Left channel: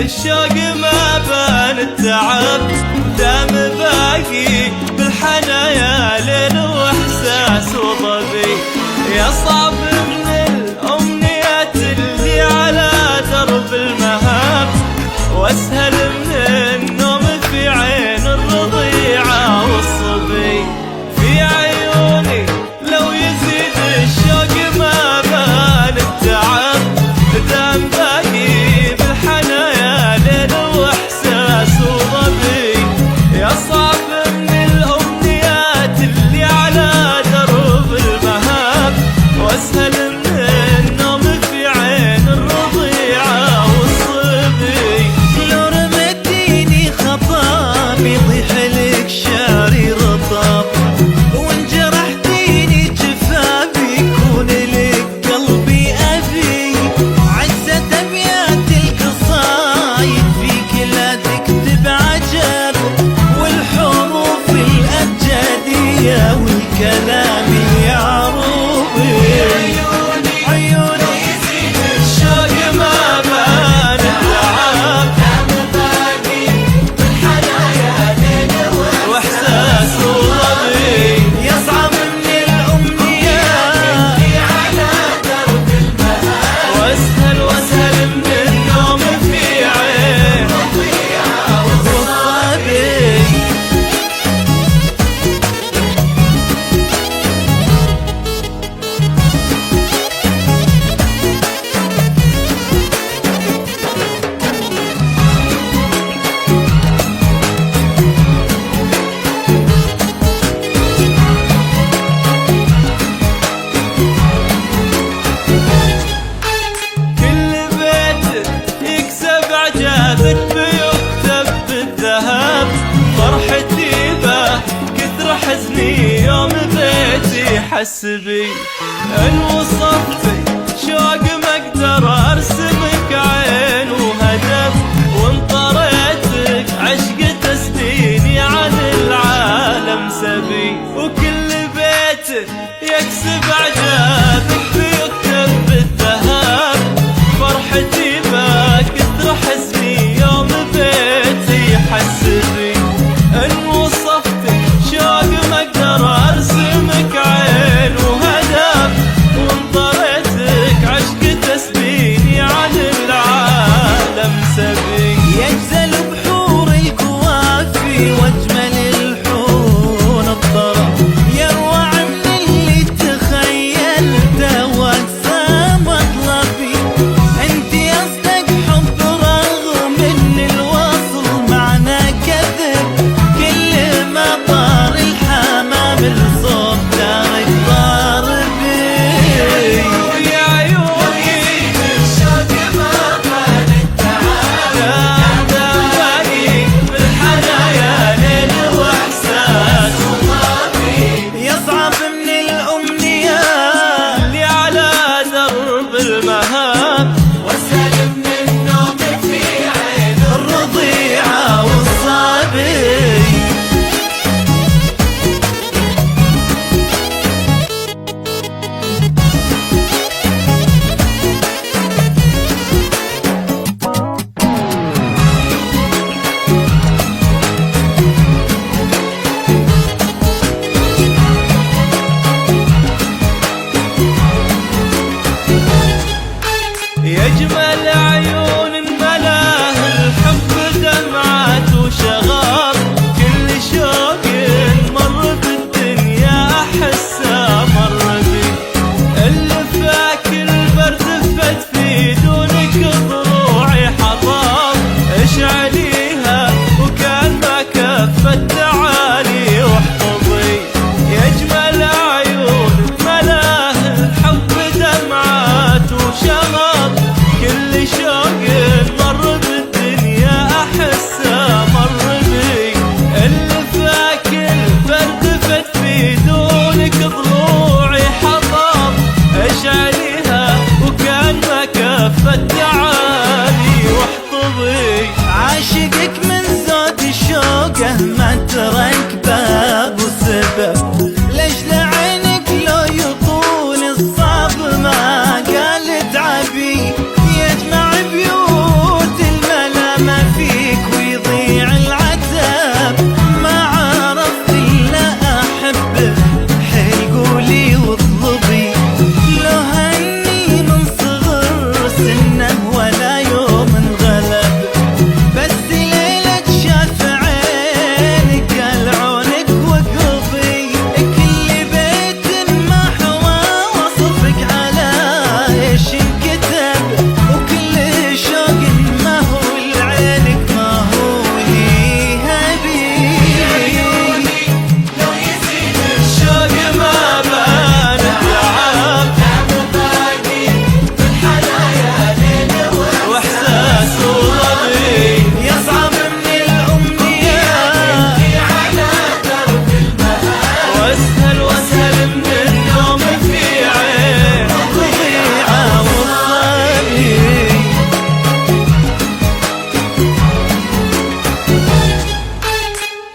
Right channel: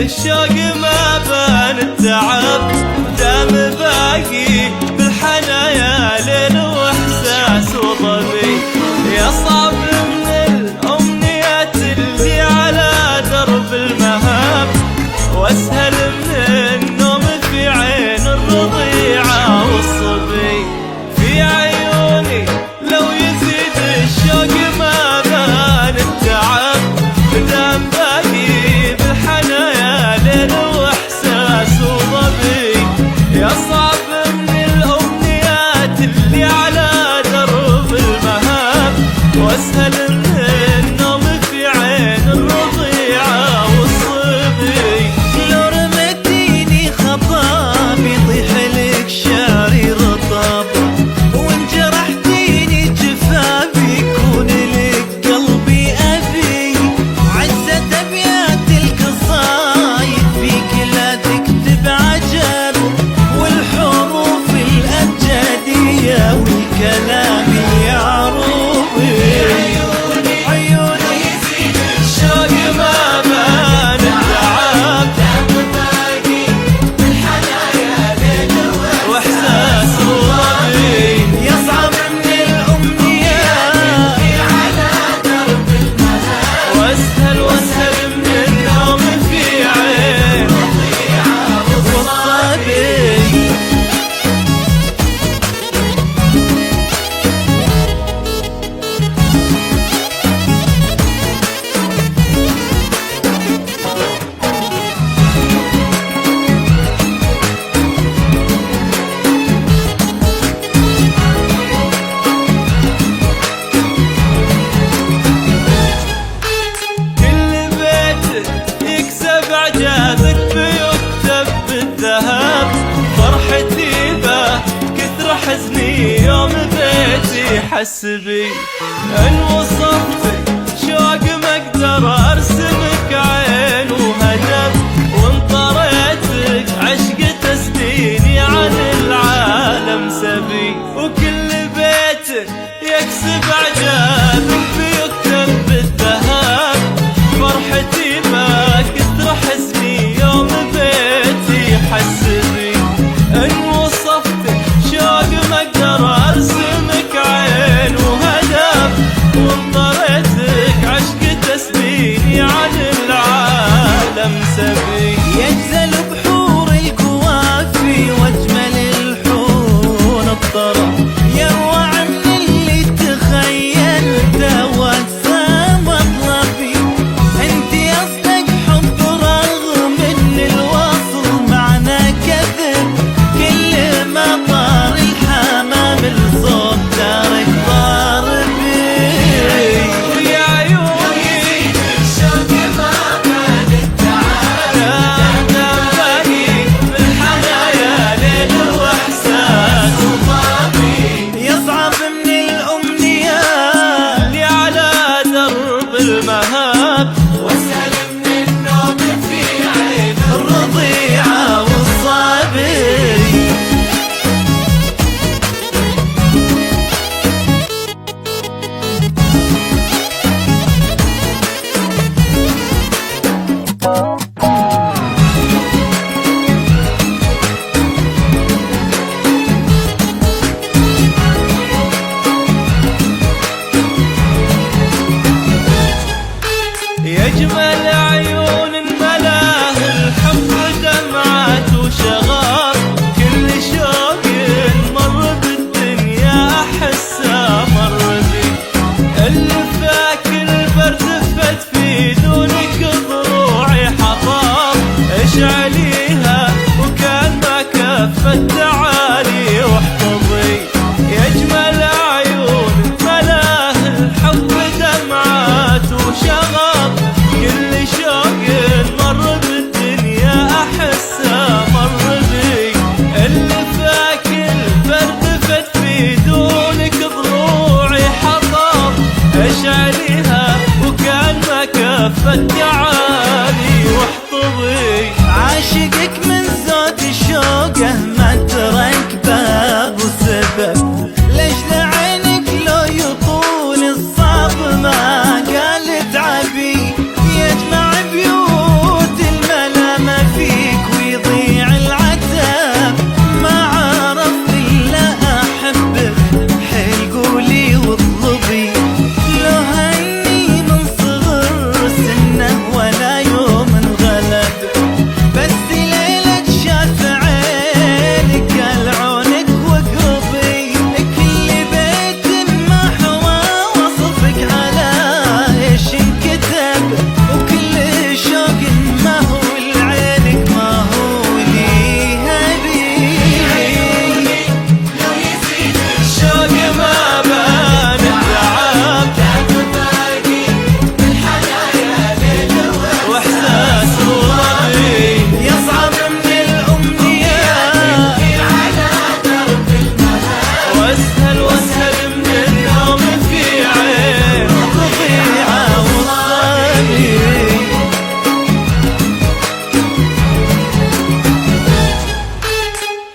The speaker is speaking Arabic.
الشوق ما بان التعب، دام باقي بالحنايا ليل واحساس وظبي. يا صعب من الامنيات اللي على درب المهاب، واسهل من النوم في عين الرضيعة والصبي. في عيوني لو يزيد الشوق ما بان التعب، دام باقي بالحنايا ليل واحساس وظبي. يا صعب من الامنيات اللي على درب المهاب، واسهل من النوم في عين الرضيعة والصبي. لو رمتيني خطاب يطيح لك شعري رطب، وان جرحتيني جفافي يكون لك قلبي أبي. عزت أبيات القصايد فيك لا تكتب عجب، والحروف الأبجدية والكلام اليعروبي. عيوني الشوق ما بان التعب، واحساس وظبي. يصعب من الأمنيات، واسهل من النوم في عين والصبي. إعجابك بيكتب بالذهب، فرحتي به كثر حزني يوم بيتي حس بي. إن وصفتي شوق ما أقدر أرسمك عين وهدف، وإن طريتك عشق تسديني عن العالم سبي. وكل بيت يكسب إعجابك بيكتب بالذهب، فرحتي ما كثر حزني يوم بيتي حس بي. إن وصفتك شوق ما أقدر أرسمك عين وهدف، وإن طريتك عشق تسبيني عن العالم سبي. يجزل بحور الكوافي واجمل الحور الطرف، يروع من اللي تخيلته واقصى مطلبي. انتي اصدق حب رغم ان الوصل معنا كذب، كل ما طار الحمام الصوت دارك ضاربي. في عيوني دام باقي بالحنايا ليل واحساس، يصعب من الامنيات اللي على درب المهاب، الرضيعة والصبي. يجمل عيون ملاه الحب دمعات وشغار. كل شوق مر بالدنيا أحسه مر بي، اللي فاكر البرد فت في دونك ضروعي حطام. اشعليها وكان ما كفت تعالي واحفظي. يجمل عيون ملاه الحب دمعات وشغب، كل شوق مر بالدنيا أحسه مر بي، اللي فاكر البرد فت في دونك ضلوعي حطام. اشعليها وكان ما كفت